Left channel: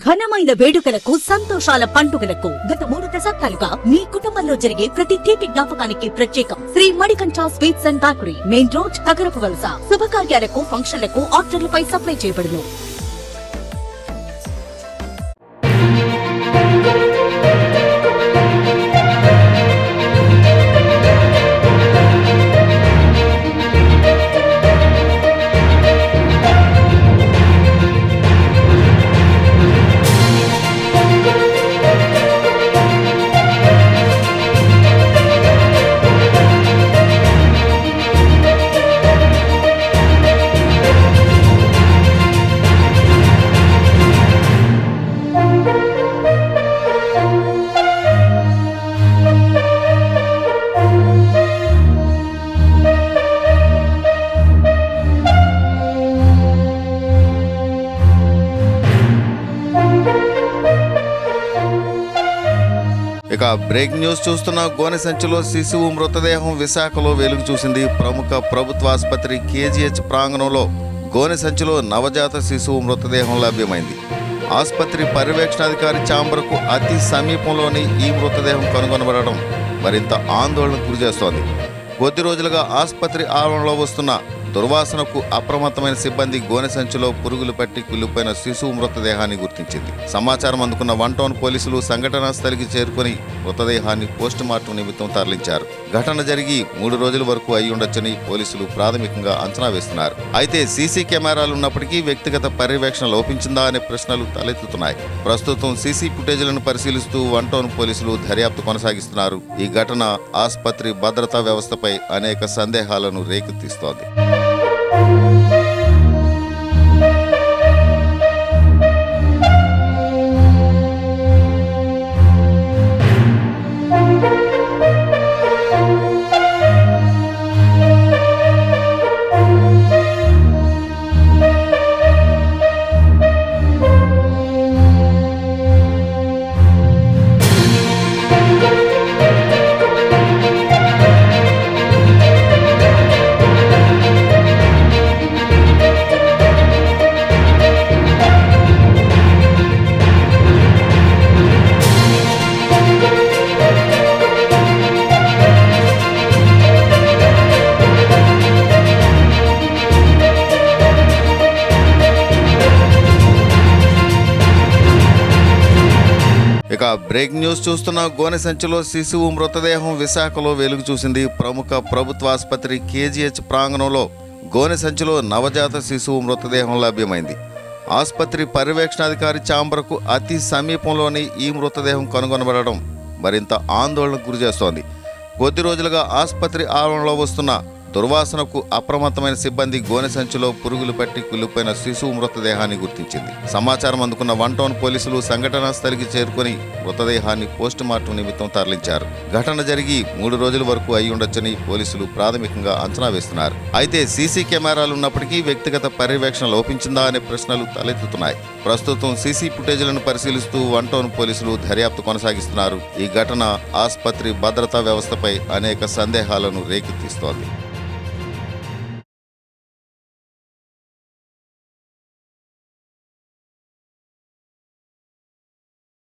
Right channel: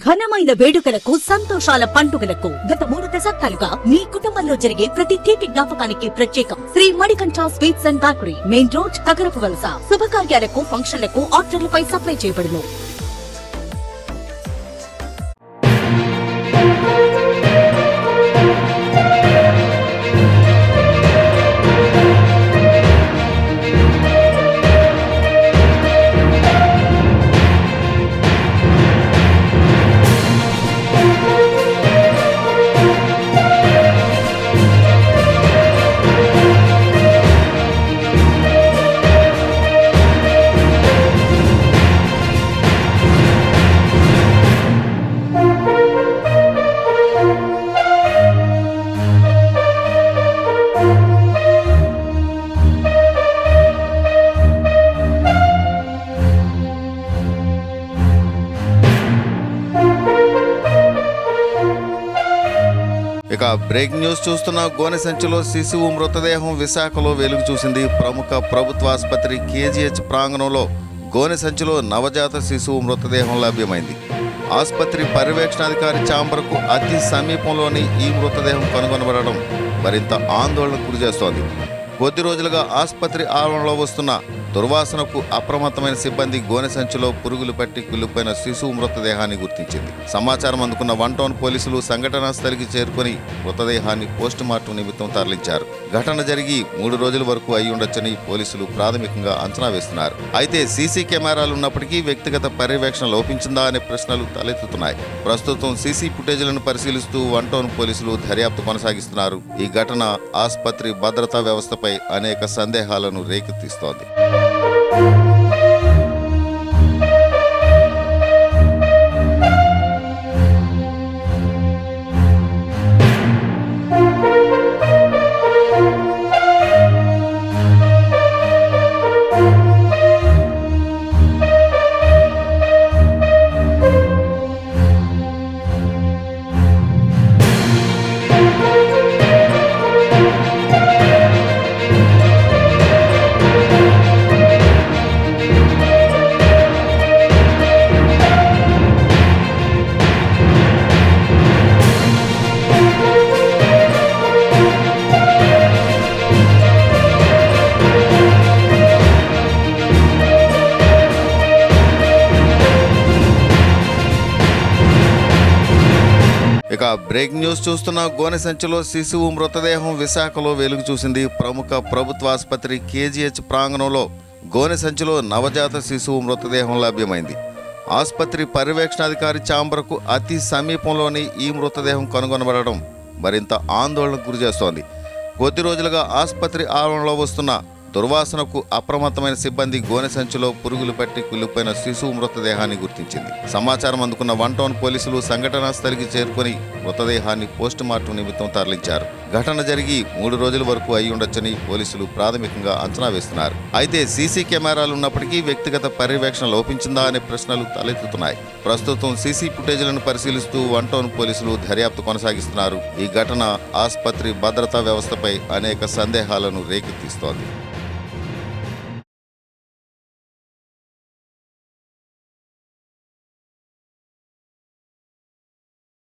ఘనమైన వేడుకలకు సంతోషాల పండుగలకు గత 3 దశాబ్దాలుగా మీ కుటుంబంలో జరిగే ప్రతి తీపి జ్ఞాపకానికి ప్రత్యేకం Sri Manikanta sweets and bakery, main road, Kagarapu Valasa. శుభకార్యాలకు, ఫంక్షన్లకు ఆర్డర్లపై సప్లై చేయబడును. ఇక బ్రేక్ న్యూస్ చూస్తున్న గోనె సంచిలో శిశువు మృతదేహం విశాఖలో వెలుగు చూసింది. ప్రముఖ ప్రభుత్వ ఆసుపత్రి కేజీహెచ్ ప్రాంగణంలో గోనె సంచిలో నవజాత శిశువు మృతదేహం లభ్యమైంది. ఆసుపత్రి పర్యవేక్షణాధికారి ఛాంబర్కు అతి సమీపంలోని ఈ మృతదేహం కనుగొనబడడం మరింత ఆందోళనకు గురిచేస్తోంది. కొద్ది రోజులుగా ఆసుపత్రి ఆవరణలో వస్తున్న దుర్వాసనకు అప్రమత్తమైన సిబ్బంది గోనె సంచిలో పురుగులు పట్టి కుళ్ళిపోయిన శిశువు మృతదేహాన్ని గుర్తించింది. సమాచారం అందుకున్న 1 టౌన్ పోలీసులు సంఘటనా స్థలికి చేరుకుని మృతదేహాన్ని పోస్టుమార్టం నిమిత్తం తరలించారు. ఘటన జరిగి 3 రోజుల వరకు అయి ఉండొచ్చని పోలీసులు ప్రాథమికంగా అంచనా వేస్తున్నారు. అయితే సీసీ కెమెరాలు ఉన్నప్పటికీ వ్యక్తిగత పర్యవేక్షణ లోపించిందా అనే ప్రశ్నలు తలెత్తుతున్నాయి. ప్రస్తుతం సీసీ ఫుటేజీలను పరిశీలిస్తూ 1 టౌన్ పోలీసులు దర్యాప్తు కొనసాగిస్తున్నారు. ఈ ఘటన ఆసుపత్రి భద్రతా వ్యవస్థపై అనేక సందేహాలను రేకెత్తిస్తోంది. ఇక బ్రేక్ న్యూస్ చూస్తున్న గోనె సంచిలో శిశువు మృతదేహం విశాఖలో వెలుగు చూసింది. ప్రముఖ ప్రభుత్వ ఆసుపత్రి కేజీహెచ్ ప్రాంగణంలో గోనె సంచిలో నవజాత శిశువు మృతదేహం లభ్యమైంది. ఆసుపత్రి పర్యవేక్షణాధికారి ఛాంబర్కు అతి సమీపంలోని ఈ మృతదేహం కనుగొనబడడం మరింత ఆందోళనకు గురిచేస్తోంది. కొద్ది రోజులుగా ఆసుపత్రి ఆవరణలో వస్తున్న దుర్వాసనకు అప్రమత్తమైన సిబ్బంది గోనె సంచిలో పురుగులు పట్టి కుళ్ళిపోయిన శిశువు మృతదేహాన్ని గుర్తించింది. సమాచారం అందుకున్న 1 టౌన్ పోలీసులు సంఘటనా స్థలికి చేరుకుని మృతదేహాన్ని పోస్టుమార్టం నిమిత్తం తరలించారు. ఘటన జరిగి 3 రోజుల వరకు అయి ఉండొచ్చని పోలీసులు ప్రాథమికంగా అంచనా వేస్తున్నారు. అయితే సీసీ కెమెరాలు ఉన్నప్పటికీ వ్యక్తిగత పర్యవేక్షణ లోపించిందా అనే ప్రశ్నలు తలెత్తుతున్నాయి. ప్రస్తుతం సీసీ ఫుటేజీలను పరిశీలిస్తూ 1 టౌన్ పోలీసులు దర్యాప్తు కొనసాగిస్తున్నారు. ఈ ఘటన ఆసుపత్రి భద్రతా వ్యవస్థపై అనేక సందేహాలను రేకెత్తిస్తోంది.